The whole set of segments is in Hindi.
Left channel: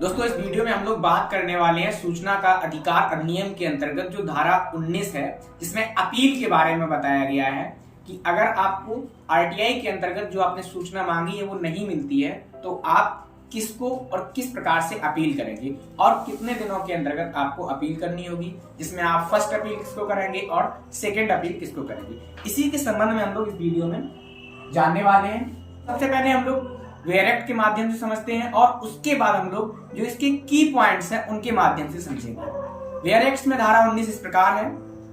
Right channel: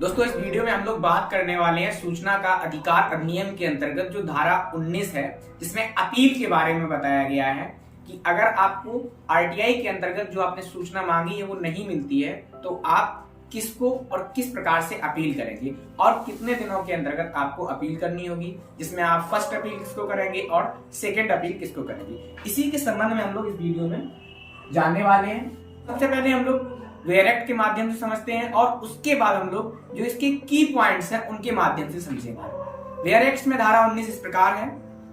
दोस्तों इस वीडियो में हम लोग बात करने वाले हैं सूचना का अधिकार अधिनियम के अंतर्गत जो धारा 19 है, जिसमें अपील के बारे में बताया गया है कि अगर आपको आरटीआई के अंतर्गत जो आपने सूचना मांगी है वो नहीं मिलती है तो आप किसको और किस प्रकार से अपील करेंगे और कितने दिनों के अंतर्गत आपको अपील करनी होगी, जिसमें आप फर्स्ट अपील किसको करेंगे और सेकेंड अपील किसको करेंगे। इसी के संबंध में हम लोग इस वीडियो में जानने वाले हैं। सबसे पहले हम लोग वेयर एक्ट के माध्यम से समझते हैं और उसके बाद हम लोग जो इसके की पॉइंट्स हैं उनके माध्यम से समझेंगे। वेयर एक्ट में धारा 19 इस प्रकार है।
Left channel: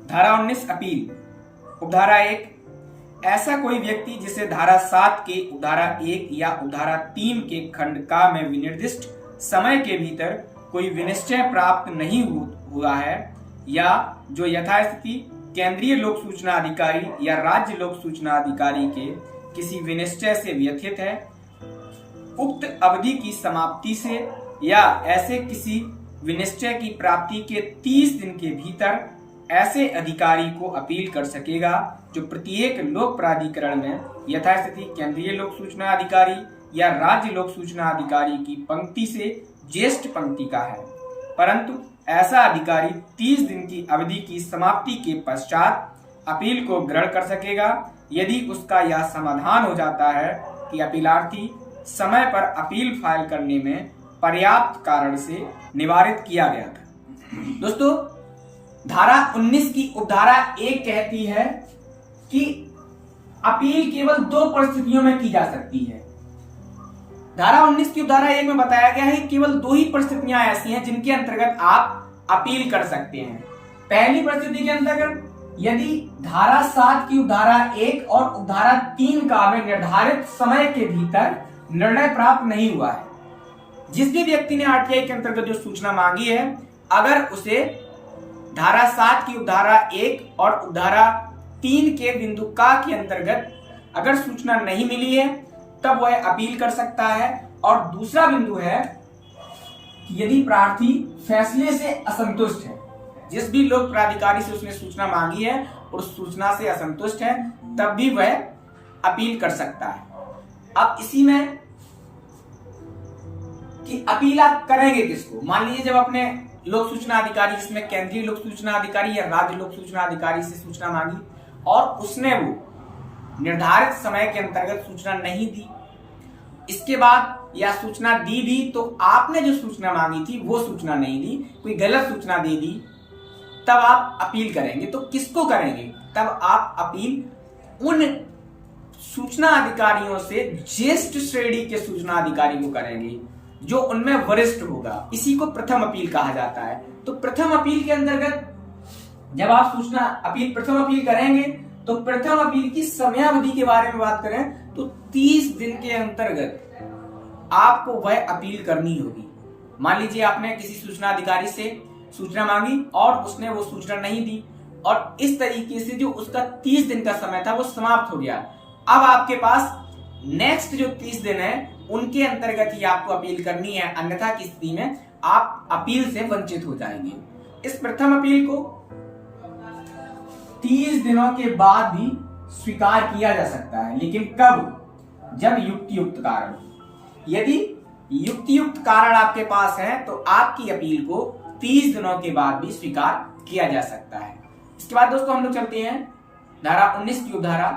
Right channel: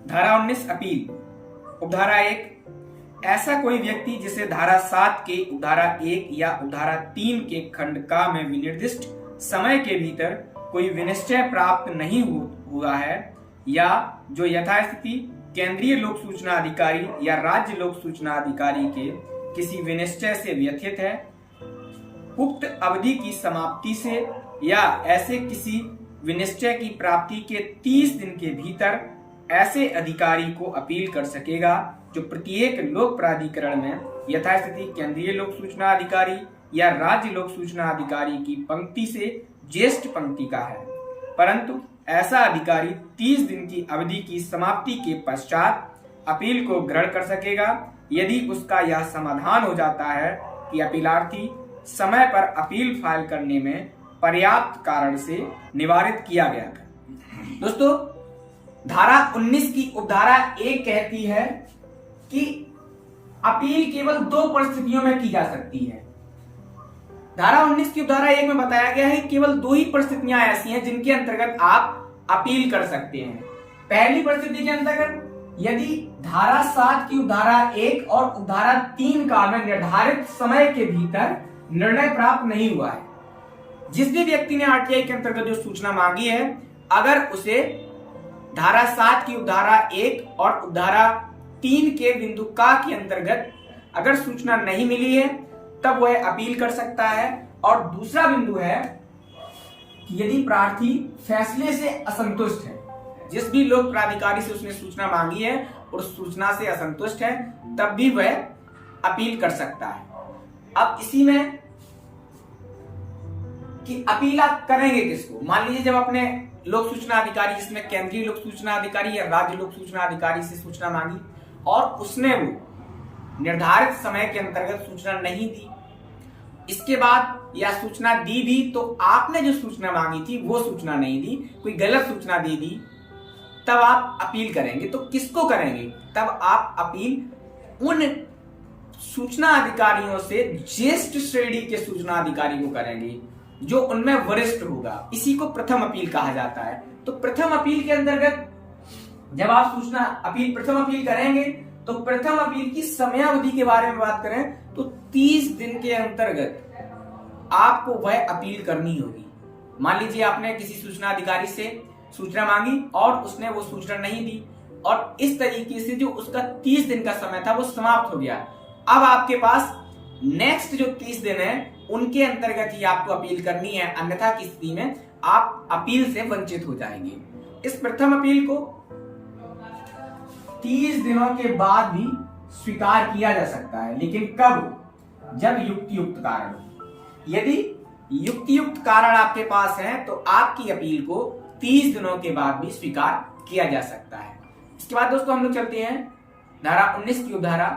धारा 19 अपील। उपधारा 1, ऐसा कोई व्यक्ति जिसे धारा 7 के उपधारा 1 या उपधारा 3 के खंड का में विनिर्दिष्ट समय के भीतर कोई विनिश्चय प्राप्त नहीं हुआ है या जो यथास्थिति केंद्रीय लोक सूचना अधिकारी या राज्य लोक सूचना अधिकारी के किसी विनिश्चय से व्यथित है, उक्त अवधि की समाप्ति से या ऐसे किसी विनिश्चय की प्राप्ति के 30 दिन के भीतर ऐसे अधिकारी को अपील कर सकेगा जो प्रत्येक लोक प्राधिकरण में यथास्थिति केंद्रीय लोक सूचना अधिकारी या राज्य लोक सूचना अधिकारी की पंक्ति से ज्येष्ठ पंक्ति का है, परंतु ऐसा अधिकारी 30 दिन की अवधि की समाप्ति के पश्चात अपील को ग्रहण कर सकेगा यदि उसका यह समाधान हो जाता है कि अपीलार्थी समय पर अपील फाइल करने में पर्याप्त कारण से निवारित किया गया था। दोस्तों धारा 19 की उपधारा 1 कहती है कि अपील केवल 2 परिस्थितियों में की जा सकती है। धारा 19 की उपधारा 1 में बताया गया है केवल 2 ही परिस्थितियां ऐसी हैं जिनके अंतर्गत आप अपील कर सकते हैं। पहली परिस्थिति के अंतर्गत यदि धारा 7 की उपधारा 1 और उपधारा 3 का में निर्धारित समय के भीतर निर्णय प्राप्त नहीं हुआ है। जिस भी व्यक्ति ने आरटीआई के अंतर्गत जो सूचना मांगी है, अगर उसे धारा 7 की उपधारा 1 और उपधारा 3 के बिंदु का के अंतर्गत अगर सूचना नहीं मिली है तब वह अपील कर सकता है। और दूसरा बिंदु है कि यदि प्रार्थी फैसले से असंतुष्ट है, जिस भी लोक प्राधिकारी से उसने सूचना मांगी है और सूचना से असंतुष्ट है, तब भी वह अपील कर सकता है। अब इसी में कि अपील आप करेंगे किसको। मान लीजिए जब अपने लोक सूचना अधिकारी, जिसमें केंद्रीय लोक सूचना अधिकारी या राज्य लोक सूचना अधिकारी से सूचना मांगी और उसने वो निर्धारित समय के अंतर्गत सूचना नहीं दी, इसके बाद या सूचना दी भी तो आपने जो सूचना मांगी थी वो सूचना नहीं दी, कोई गलत सूचना दे दी, तब आप अपील करेंगे। तो किसको करेंगे? तब आप अपील उन सूचना अधिकारियों से ज्येष्ठ श्रेणी के सूचना अधिकारी को करेंगे जो उनमें वरिष्ठ होगा। इसी को प्रथम अपील कहा जाता है। तो प्रथम अपील के अंतर्गत जब आप सूचना अपील प्रथम अपील करेंगे तो प्रथम अपील की समयावधि के बारे में बात करें तो 30 दिन के अंतर्गत आपको वह अपील करनी होगी। मान लीजिए आपने किसी सूचना अधिकारी से सूचना मांगी और उसने वो सूचना नहीं दी और इस तरीके से जो उसका 30 दिन का समय था वो समाप्त हो गया। अब आपके पास नेक्स्ट जो 30 दिन है उनके अंतर्गत ही आपको अपील करनी है, अन्यथा की स्थिति में आप अपील से वंचित हो जाएंगे। इस प्रथम अपील को 30 दिनों के बाद भी स्वीकार किया जा सकता है, लेकिन कब? जब युक्तियुक्त कारण। यदि युक्तियुक्त कारण आपके पास है तो आपकी अपील को 30 दिनों के बाद भी स्वीकार किया जा सकता है। इसके बाद दोस्तों हम लोग चलते हैं धारा 19 की उपधारा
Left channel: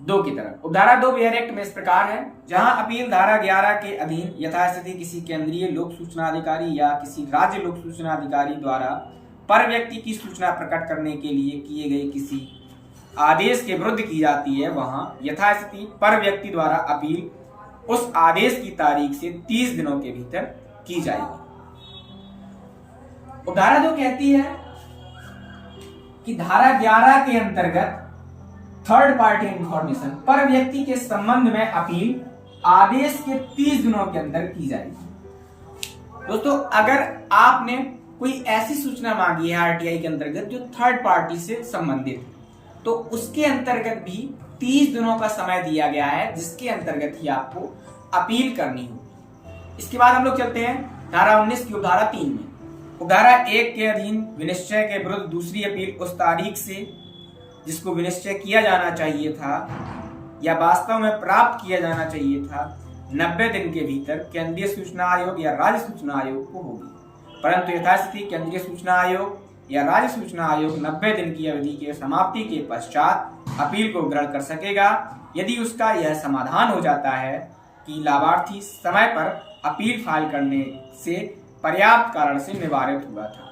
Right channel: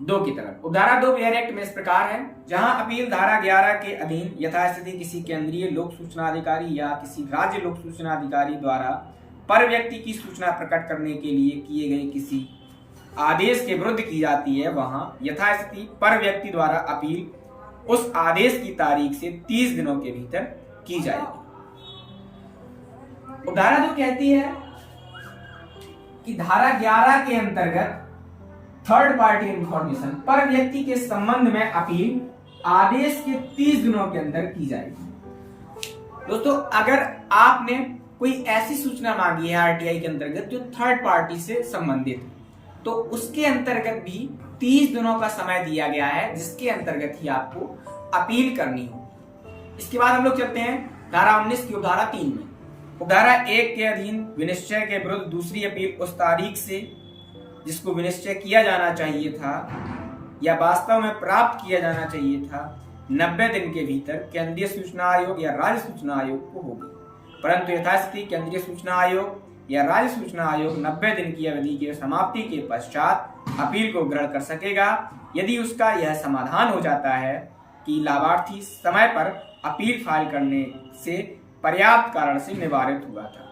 2 की तरफ। उपधारा 2 वेयर एक्ट में इस प्रकार है। जहां अपील धारा 11 के अधीन यथास्थिति किसी केंद्रीय लोक सूचना अधिकारी या किसी राज्य लोक सूचना अधिकारी द्वारा पर व्यक्ति की सूचना प्रकट करने के लिए किए गए किसी आदेश के विरुद्ध की जाती है, वहां यथास्थिति पर व्यक्ति द्वारा अपील उस आदेश की तारीख से 30 दिनों के भीतर की जाएगी। उपधारा 2 कहती है कि धारा 11 के अंतर्गत थर्ड पार्टी इंफॉर्मेशन पर व्यक्ति के संबंध में अपील आदेश के 30 दिनों के अंदर की जाएगी। दोस्तों अगर आपने कोई ऐसी सूचना मांगी है आरटीआई के अंतर्गत जो थर्ड पार्टी से संबंधित है तो उसके अंतर्गत भी 30 दिनों का समय दिया गया है, जिसके अंतर्गत ही आपको अपील करनी हो। इसके बाद हम लोग चलते हैं धारा 19 की उपधारा 3 में। उपधारा 1 के अधीन विनिश्चय के विरुद्ध दूसरी अपील उस तारीख से जिसको विनिश्चय किया जाना चाहिए था या वास्तव में प्राप्त किया जाना चाहिए था 90 दिन के भीतर केंद्रीय सूचना आयोग या राज्य सूचना आयोग को होगी, परंतु यथास्थिति केंद्रीय सूचना आयोग या राज्य सूचना आयोग 90 दिन की अवधि के समाप्ति के पश्चात अपील को ग्रहण कर सकेगा यदि उसका यह समाधान हो जाता है कि लाभार्थी समय पर अपील फाइल करने से पर्याप्त कारण से निवारित हुआ था।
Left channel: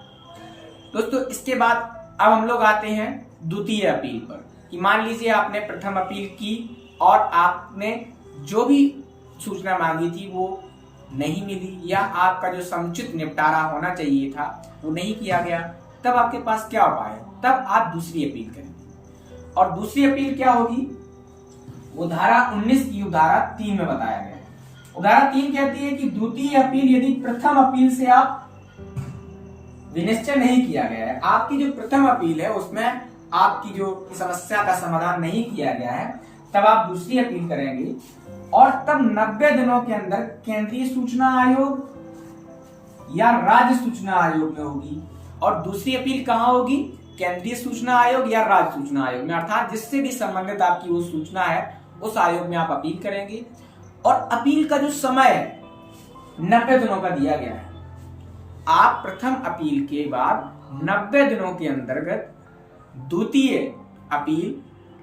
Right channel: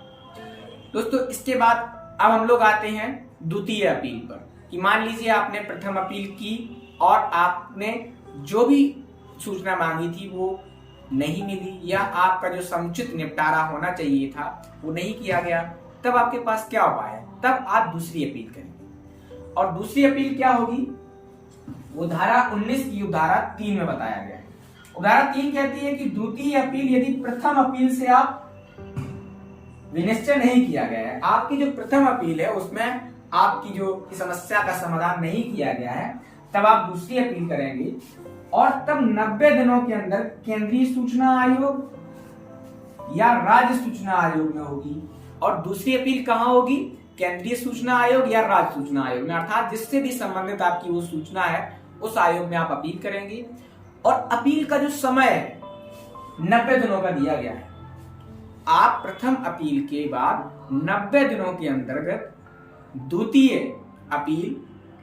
दोस्तों, इसके बाद अब हम लोग आते हैं द्वितीय अपील पर, कि मान लीजिए आपने प्रथम अपील की और आपने जो भी सूचना मांगी थी वो नहीं मिली, या आपका जो समुचित निपटारा होना चाहिए था वो नहीं किया गया, तब आपके पास क्या उपाय है? तब आप दूसरी अपील करेंगे। और दूसरी अपील क्या होगी? वो धारा 19 की धारा 3 में बताया गया है। धारा 3 कहती है कि द्वितीय अपील यदि प्रथम अपील से आप विनिश्चय नहीं किया गया है, आपकी जो प्रथम अपील है उसमें आपकी जो समस्या का समाधान नहीं किया गया है, तब आप दूसरी अपील करेंगे और तब 90 दिनों के अंदर केंद्रीय सूचना आयोग या राज्य सूचना आयोग में होगी। और दूसरी अपील कहां होगी? केंद्रीय सूचना आयोग या राज्य सूचना आयोग में, अर्थात जिससे भी संबंधित आपकी वो सूचना है उस आयोग में आप अपील करेंगे। और अपील का जो समय है 90 दिनों का दिया गया है। आप प्रथम अपील के बाद 90 दिनों के अंतर्गत द्वितीय अपील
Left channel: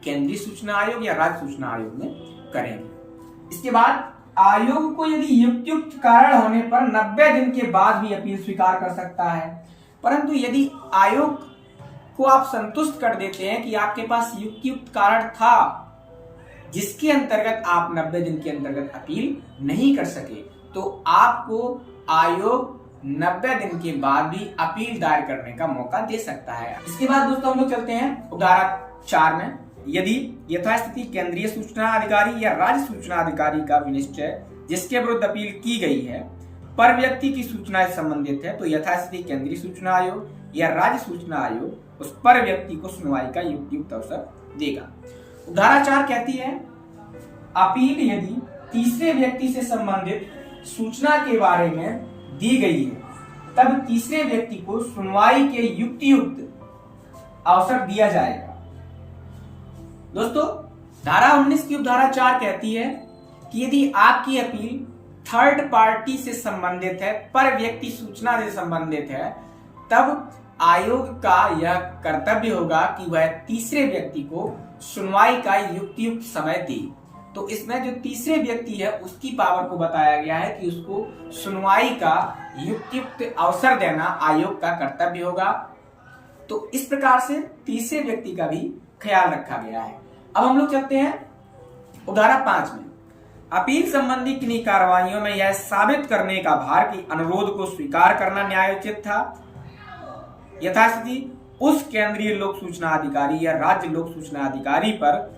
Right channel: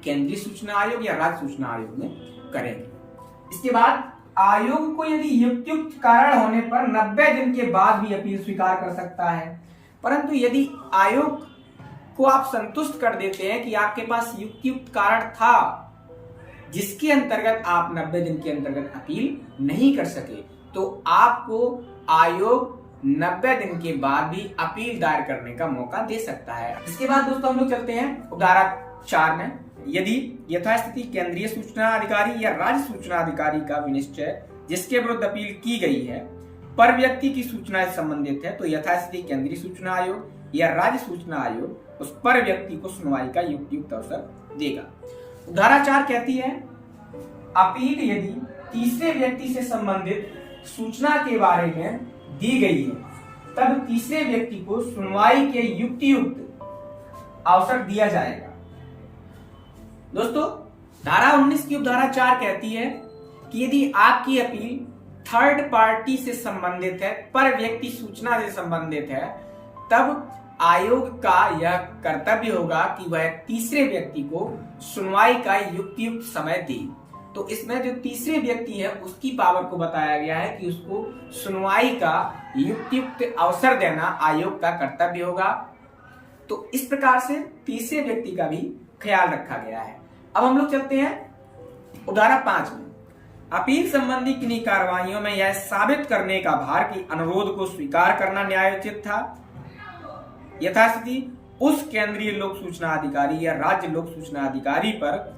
केंद्रीय सूचना आयोग या राज्य सूचना आयोग में करेंगे। इसके बाद आयोग को यदि युक्त कारण होने पर 90 दिन के बाद भी अपील स्वीकार कर सकता है, परंतु यदि आयोग को आप संतुष्ट कर देते हैं कि आपके पास युक्त कारण था जिसके अंतर्गत आप 90 दिन के अंतर्गत अपील नहीं कर सके, तो आपको आयोग 90 दिन के बाद भी अपील दायर करने का मौका दे सकता है। इसके बाद दोस्तों हम लोग चलते हैं धारा 4 में। यदि यथास्थिति केंद्रीय सूचना अधिकारी या राज्य सूचना अधिकारी का विनिश्चय जिसके विरुद्ध अपील की गई है पर व्यक्ति की सूचना से संबंधित है, तो यथास्थिति केंद्रीय सूचना आयोग या राज्य सूचना आयोग उस पर व्यक्ति को सुनवाई का युक्त अवसर देगा। धारा 4 कहती है अपील यदि तीसरे व्यक्ति से संबंधित सूचना के बारे में दी गई है तब तीसरे व्यक्ति को सुनवाई के युक्त अवसर दिया जाएगा। दोस्तों, धारा 19 की उपधारा 4 कहती है कि यदि आपकी अपील थर्ड पार्टी से संबंधित है, पर व्यक्ति सूचना से संबंधित है, तब आयोग का यह कर्तव्य होगा कि वह तीसरे व्यक्ति को सुनवाई का युक्त समय दे। तो इसमें जो तीसरे व्यक्ति है उसकी पावर को बताया गया है कि उसको सुनवाई का युक्त अवसर देना आयोग का कर्तव्य होगा। तो इस प्रकार से तीसरे व्यक्ति का भी ख्याल रखा गया है। अब हम लोग चलते हैं धारा 5 में। अपील संबंधी किन्हीं कार्रवाइयों में यह साबित करने का भार कि अनुरोध को स्वीकार करना न्यायोचित था, यथास्थिति उस केंद्रीय लोक सूचना अधिकारी या राज्य लोक सूचना अधिकारी पर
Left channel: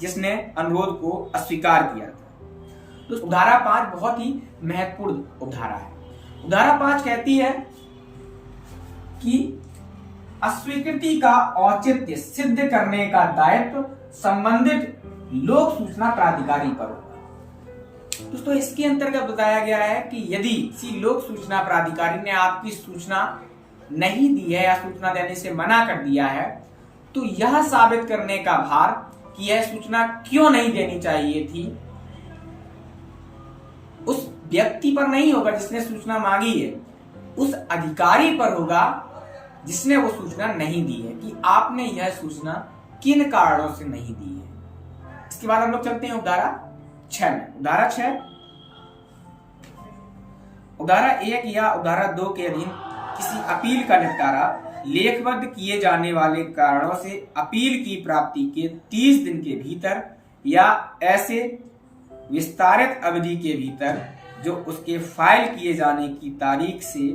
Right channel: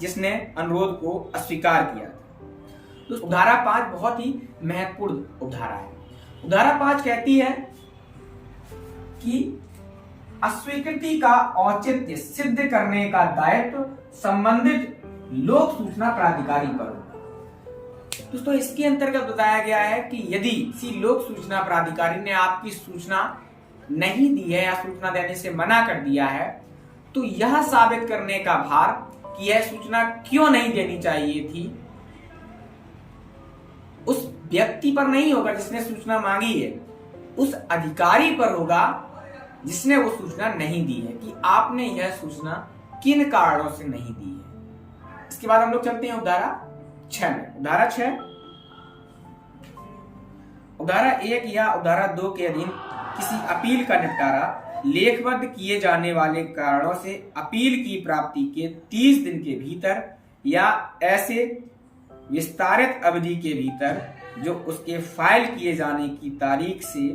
जिसने अनुरोध को अस्वीकार किया था। तो धारा 5 बहुत ही महत्वपूर्ण उपधारा है। धारा 5 कहती है कि अस्वीकृति का औचित्य सिद्ध करने का दायित्व संबंधित लोक सूचना प्राधिकारी पर होगा। दोस्तों, इसके अंतर्गत बताया गया है कि यदि किसी लोक सूचना प्राधिकारी ने आपकी सूचना नहीं दी है या सूचना देने से मना कर दिया है, तो यह साबित करने का भार कि यह सूचना क्यों नहीं देनी चाहिए थी उस व्यक्ति पर नहीं होगा जिसने सूचना मांगी है, उस अधिकारी पर होगा जिसने वो सूचना नहीं दी है, कि आपने यह सूचना किन कारणों से नहीं दी है। इसके बाद हम लोग चलते हैं धारा 6 में। धारा 6 धारा 1 या धारा 2 के अधीन किसी अपील का निपटारा लेखबद्ध किए जाने वाले कारणों से अपील की प्राप्ति के 30 दिन के भीतर या ऐसे विस्तारित अवधि के भीतर जो उसके फाइल किए जाने की तारीख से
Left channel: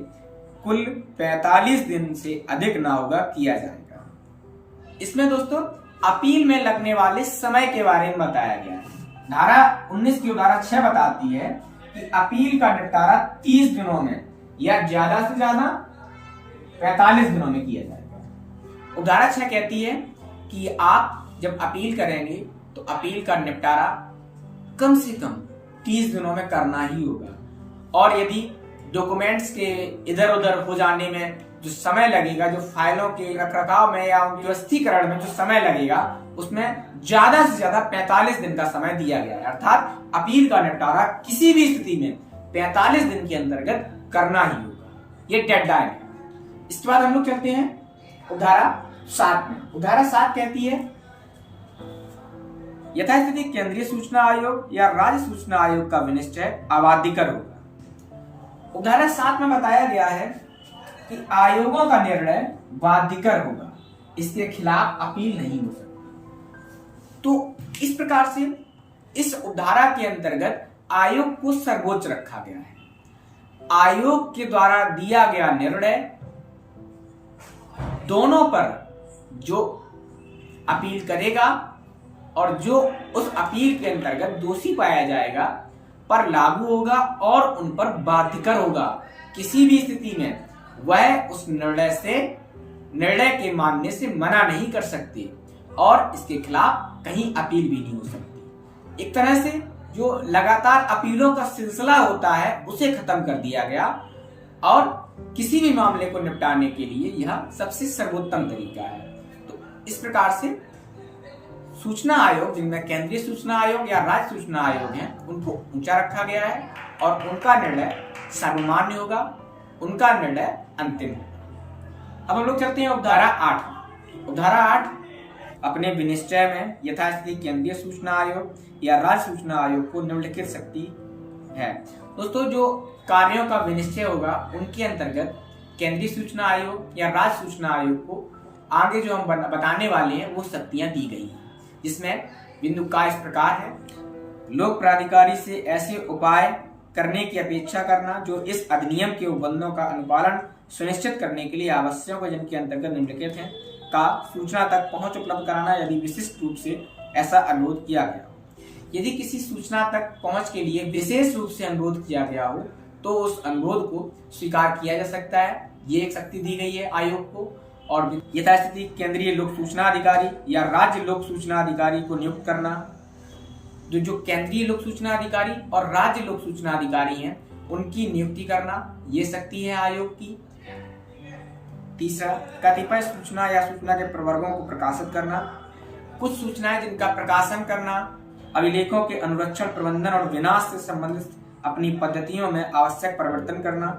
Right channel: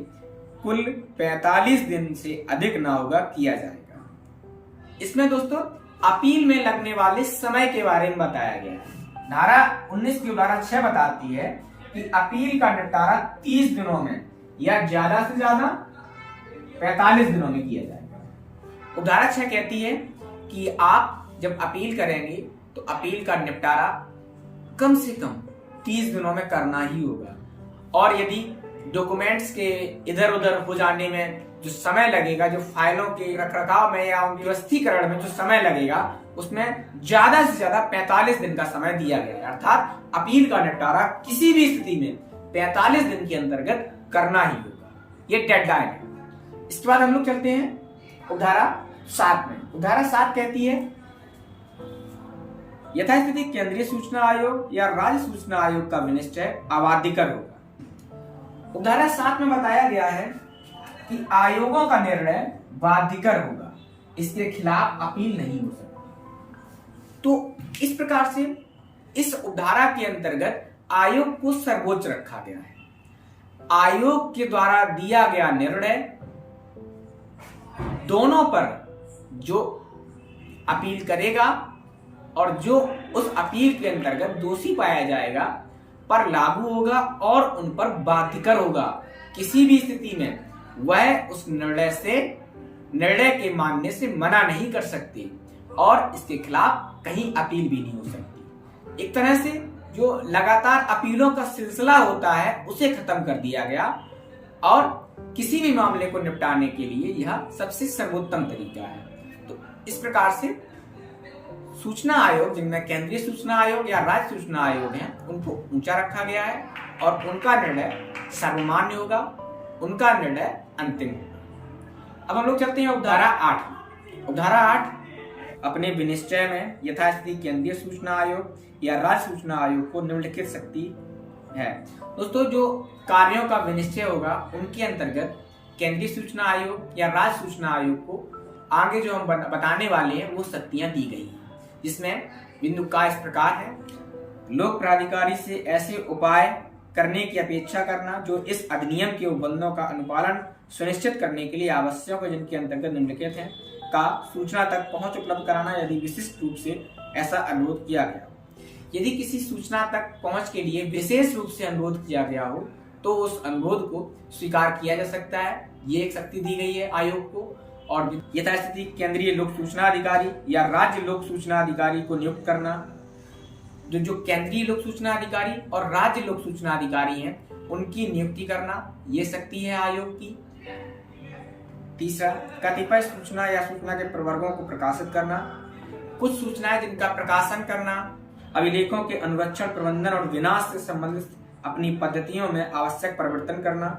कुल 45 दिन से अधिक ना होगा किया जाएगा। इसमें दोस्तों अपील में लगने वाले समय के बारे में बताया गया है। धारा 19 की धारा 6 बताती है कि अपील का निपटारा 30 दिनों में या ज्यादा से ज्यादा 45 दिनों में किया जाएगा। धारा 6 कहती है कि आप जब अपील करेंगे तो अपील का निपटारा कम से कम 30 दिनों में करना ही होगा, और यदि डॉक्यूमेंट्स के इधर उधर हो जाने में जो समय लगेगा, जो फाइलों के रखरखाव में या उनके व्यवस्थीकरण में जो समय लगेगा, उसमें ज्यादा से ज्यादा 45 दिन का समय दिया गया है। अर्थात अपील का निपटारा किसी भी स्थिति में 45 दिन के अंतर्गत करना ही होगा, ये डेडलाइन है। इसके बाद हम लोग चलते हैं उपधारा 7 में। उपधारा 7 कहती है यथास्थिति केंद्रीय सूचना आयोग या राज्य सूचना आयोग का विनिश्चय अबाध्यकर होगा। उपधारा 7 में बताया गया है कि आयोगों का निर्णय बाध्यकर होगा, इसके खिलाफ अपील नहीं हो सकती। तो इस प्रकार से इस उपधारा के अंतर्गत आयोग को सर्वोच्च रखा गया है। आयोग के द्वारा दिया गया निर्णय दोनों पर जो अपील करेगा और जो उस अपील के अंतर्गत दोषी पाया जाएगा पर लागू होगा और उन पर बाध्यकर होगा। किसी भी स्थिति में वह उस निर्णय के मानने से मना नहीं कर सकती और इसके खिलाफ कहीं अपील भी नहीं हो सकती। एक तरह से जो लगातार अपीलों का सिलसिला होता है उसे खत्म कर दिया गया और किसी भी मामले को निपटाने के लिए यह सबसे सर्वोत्तम तरीका है। तो इस प्रकार से सूचना आयोग, जिनमें केंद्रीय सूचना आयोग या राज्य सूचना आयोग हैं, उनको ऊंचा रखा गया है और उनका निर्णय सर्वमान्य होगा, उनका निर्णय अंतिम होगा। अब हम लोग चलते हैं उपधारा 8। उपधारा 8 अपने विनिश्चय में यथास्थिति केंद्रीय सूचना आयोग या राज्य सूचना आयोग को निम्नलिखित शक्ति है। दोस्तों, जो कार्यों का विनिश्चय होगा उनके अंतर्गत केंद्रीय सूचना आयोग या राज्य सूचना आयोग को आगे जो हम बताने वाले हैं वो शक्तियां दी गई हैं, जिसमें बिंदु का इस प्रकार है। लोक प्राधिकारी से ऐसे उपाय करने की अपेक्षा करना जो इस अधिनियम के उपबंधों का अनुपालन सुनिश्चित करने के लिए आवश्यक है, जिनके अंतर्गत निम्नलिखित हैं का सूचना तक पहुंच उपलब्ध कराना यदि विशिष्ट रूप से ऐसा अनुरोध किया गया हो। यदि किसी सूचना तक पहुंच के लिए विशेष रूप से अनुरोध किया गया हो तो उस अनुरोध को स्वीकार किया जा सकता है। ये एक शक्ति दी गई है आयोग को। और यथास्थिति केंद्रीय लोक सूचना अधिकारी या राज्य लोक सूचना अधिकारी को नियुक्त करना। जो केंद्रीय लोक सूचना अधिकारी और राज्य लोक सूचना अधिकारी हैं उनकी नियुक्ति करना, ये शक्ति है आयोग की। तीसरा, कतिपय सूचना या सूचना के प्रवर्गों को प्रकाशित करना। कुछ सूचनाएं जिनका प्रकाशन करना, अभिलेखों के अनुरक्षण, प्रबंधन और विनाश से संबंधित अपनी पद्धतियों में आवश्यक परिवर्तन करना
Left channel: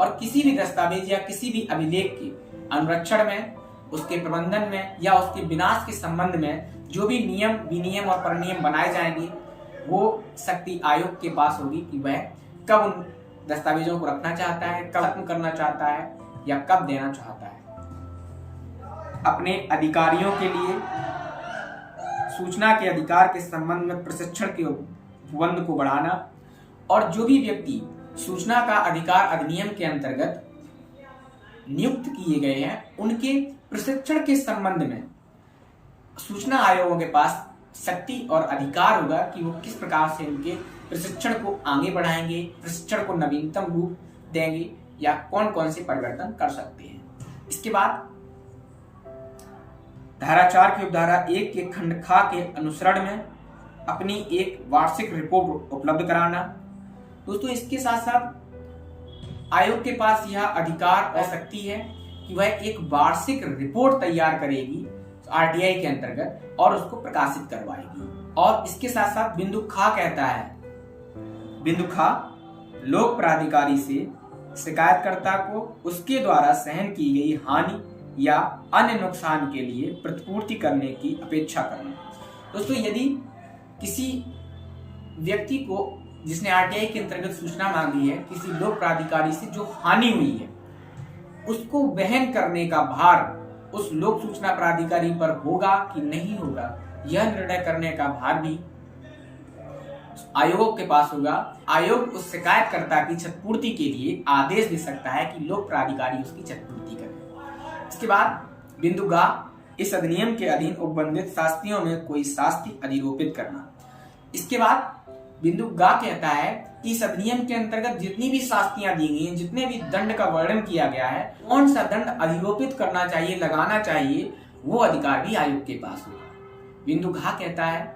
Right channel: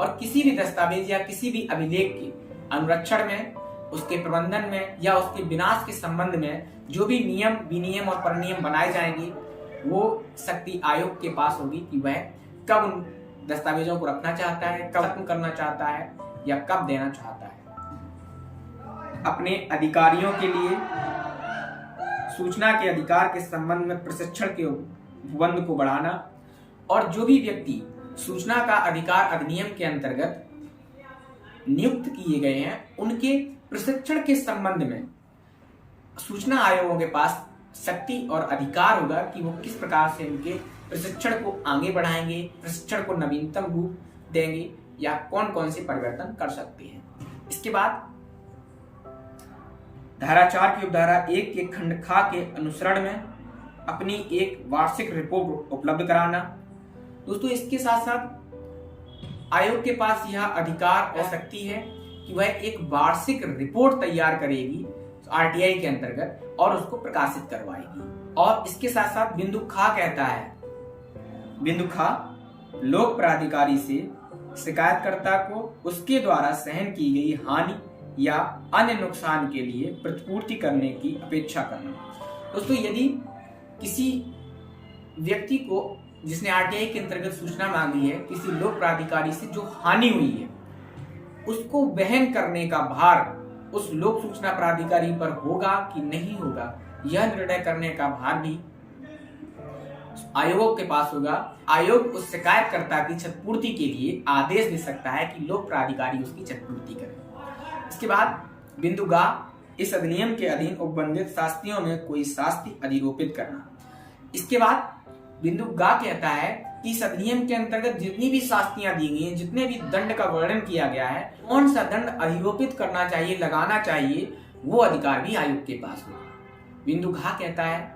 और किसी भी दस्तावेज या किसी भी अभिलेख के अनुरक्षण में, उसके प्रबंधन में या उसके विनाश के संबंध में जो भी नियम, विनियम और परिनियम बनाए जाएंगे वो शक्ति आयोग के पास होगी कि वह कब उन दस्तावेजों को रखना चाहता है, कब खत्म करना चाहता है या कब देना चाहता है। अपने अधिकारियों के लिए सूचना के अधिकार के संबंध में प्रशिक्षण के उपबंध को बढ़ाना और जो भी व्यक्ति सूचना का अधिकार अधिनियम के अंतर्गत नियुक्त किए गए हैं उनके प्रशिक्षण के संबंध में सूचना आयोगों के पास शक्ति और अधिकार होगा कि वो किस प्रकार से इनके प्रशिक्षण को आगे बढ़ाएंगे, प्रशिक्षण को नवीनतम रूप देंगे या कौन कौन से परिवर्तन कर सकते हैं। इसके बाद धारा 4 की उपधारा 1 के खंड खा के अनुसरण में अपनी एक वार्षिक रिपोर्ट उपलब्ध कराना। दोस्तों, इसके साथ साथ आयोग के पास यह अधिकार और शक्ति है कि वह एक वार्षिक रिपोर्ट तैयार करेगी आरटीआई के अंतर्गत और उसको प्रकाशित करवाएगी। और इसके साथ साथ बिंदु खा कहता है, बिंदु खा लोक प्राधिकारी से शिकायतकर्ता को उसके द्वारा सहन की गई हानि या अन्य नुकसान के लिए प्रतिपूर्ति करने की अपेक्षा करना। दोस्तों, यदि किसी व्यक्ति को जिसने आरटीआई के अंतर्गत सूचना मांगी है, किसी लोक प्राधिकारी से जो हानि हुई है उसको वहन करने का भार उस लोक सूचना प्राधिकारी पर होगा कि नहीं होगा, यह निर्णय करने का भार भी आयोगों के पास होगा। आयोग उस शिकायतकर्ता की क्षतिपूर्ति के लिए आदेश दे सकता है कि लोक प्राधिकारी उसकी क्षतिपूर्ति करे। इसके बाद बिंदु गा, इस अधिनियम के अधीन उपबंधित शास्तियों में कोई शास्ति अधिरोपित करना। इसके बाद बिंदु गा कहता है कि इस अधिनियम के अंतर्गत जितनी भी शास्तियां दी गई हैं, जितने भी दंड का वर्णन किया गया है, कौन सा दंड अधिरोपित करना चाहिए, लगाना चाहिए, वो अधिकार भी आयोग के पास होगा। बिंदु घा कहता है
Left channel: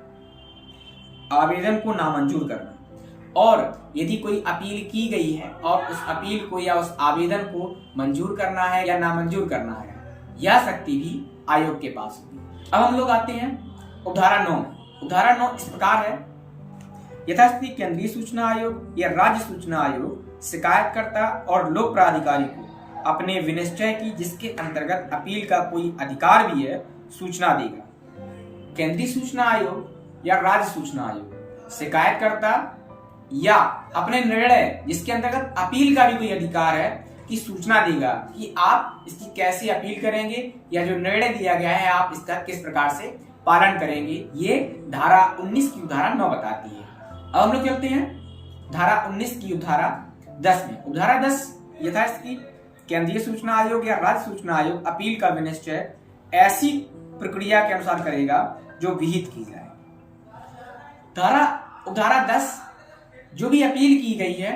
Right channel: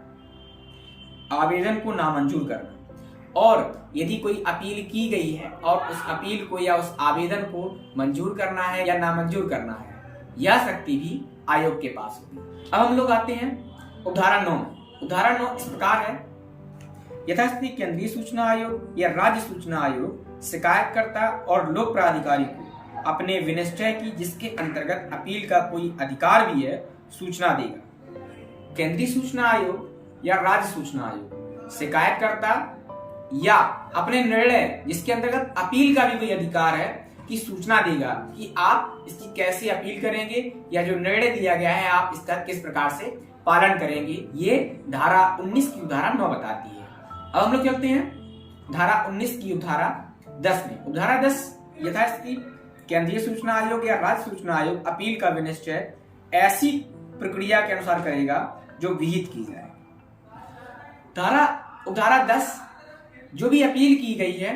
आवेदन को नामंजूर करना और यदि कोई अपील की गई है और उस अपील को या उस आवेदन को मंजूर करना है या नामंजूर करना है, यह शक्ति भी आयोग के पास होगी। अब हम लोग आते हैं उपधारा 9। उपधारा 9 इस प्रकार है, यथास्थिति केंद्रीय सूचना आयोग या राज्य सूचना आयोग शिकायतकर्ता और लोक प्राधिकारी को अपने विनिश्चय की जिसके अंतर्गत अपील का कोई अधिकार भी है सूचना देगा। केंद्रीय सूचना आयोग या राज्य सूचना आयोग शिकायतकर्ता या अपने निर्णय जिसके अंतर्गत अपील का भी कोई अधिकार है की सूचना देगा कि आप इसकी कैसे अपील करेंगे या जो निर्णय दिया गया है आप इसका किस प्रकार से पालन करेंगे। ये धारा 19 की उपधारा 9 बताती है। अब हम लोग चलते हैं धारा 19 की उपधारा 10 में। उपधारा 10 यथास्थिति केंद्रीय सूचना आयोग या राज्य सूचना आयोग अपील का विनिश्चय ऐसी प्रक्रिया के अनुसार करेगा जो विहित की जाए। उपधारा 10 जो भी अपील की गई है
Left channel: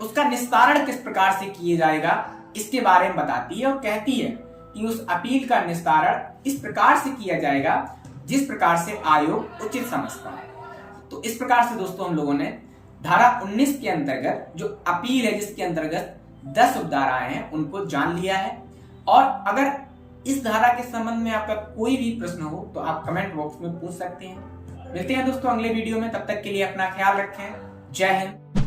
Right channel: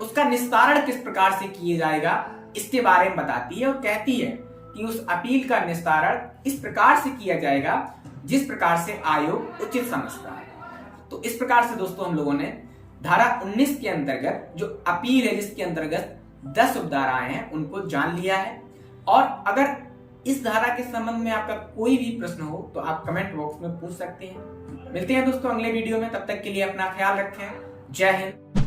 उसका निस्तारण किस प्रकार से किया जाएगा इसके बारे में बताती है और कहती है कि उस अपील का निस्तारण इस प्रकार से किया जाएगा जिस प्रकार से आयोग उचित समझता है। तो इस प्रकार से दोस्तों हम लोगों ने धारा 19 के अंतर्गत जो अपील है जिसके अंतर्गत 10 उपधाराएं हैं उनको जान लिया है। और अगर इस धारा के संबंध में आपका कोई भी प्रश्न हो तो आप कमेंट बॉक्स में पूछ सकते हैं। मिलते हैं दोस्तों अगले वीडियो में, तब तक के लिए अपना ख्याल रखें। जय हिंद।